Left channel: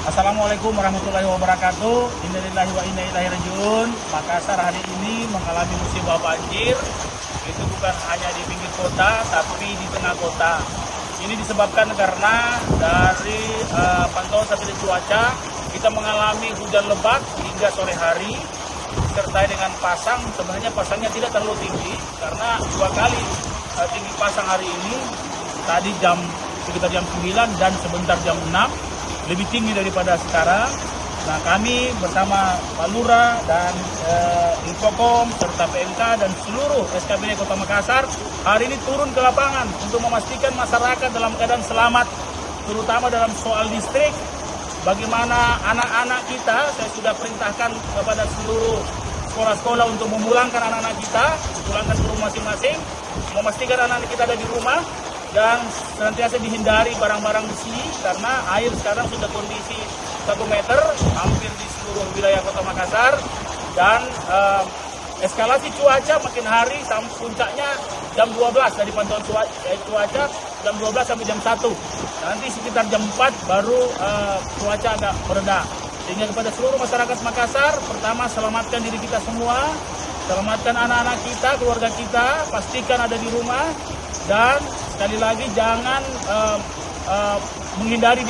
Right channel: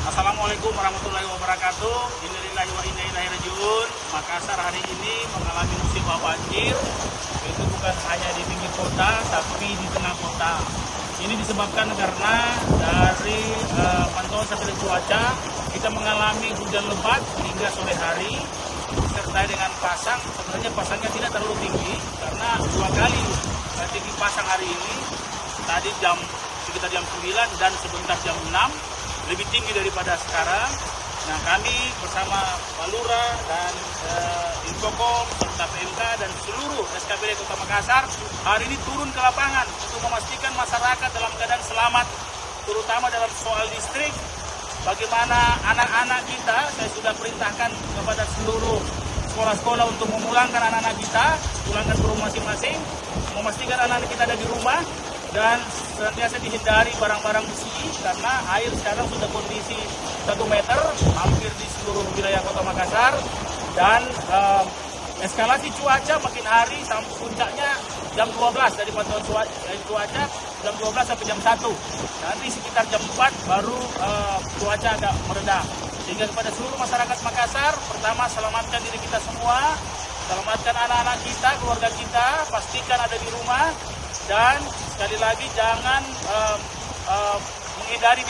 Assalamualaikum warahmatullahi wabarakatuh. Innalillahi wa inna ilaihi rajiun. Makassar hari ini mengalami musibah banjir. Itu bukan hanya di pinggir kota, tapi di tengah kota. Ini disebabkan karena dari pantauan satelit cuaca, kita mengalami hujan lebat hingga sore hari, disertai dengan pasang. Sebenarnya pasangnya tidak terlalu tinggi, karena dua kali tinggi pasang hari ini. Tadi sekitar jam 9 dan sebentar jam 6. Lebih tinggi daripada sekarang. Nah, kami bersama Pak Lurah dan Infokom serta PMK dan seluruh SKBD Kota Makassar hari ini turun ke lapangan untuk memastikan masyarakat dalam keadaan selamat, terutama dalam soal listrik. Bagaimana anak-anak kita, saya sudah perintahkan kepada seluruh sekolah-sekolah untuk memulangkan anak-anak kita, pulangkan ke rumah masing-masing, memastikan anak-anak kita ada di rumah, dan senantiasa dihindari barang-barang besi karena air sekarang sudah kondisi 1 meter hampir di seluruh wilayah Kota Makassar, dan eskalasi cuaca makin hari sampai puncaknya jam 12 dari pantauan cuaca jam 12 sampai jam 1. Nanti sekitar jam 4 baru cuaca agak mereda. Sehingga kepada seluruh masyarakat Makassar, pertama selamatkan diri kita semua, selamatkan anak-anak kita, keluarga kita, pastikan ada di rumah, dan sekali lagi jangan menghindari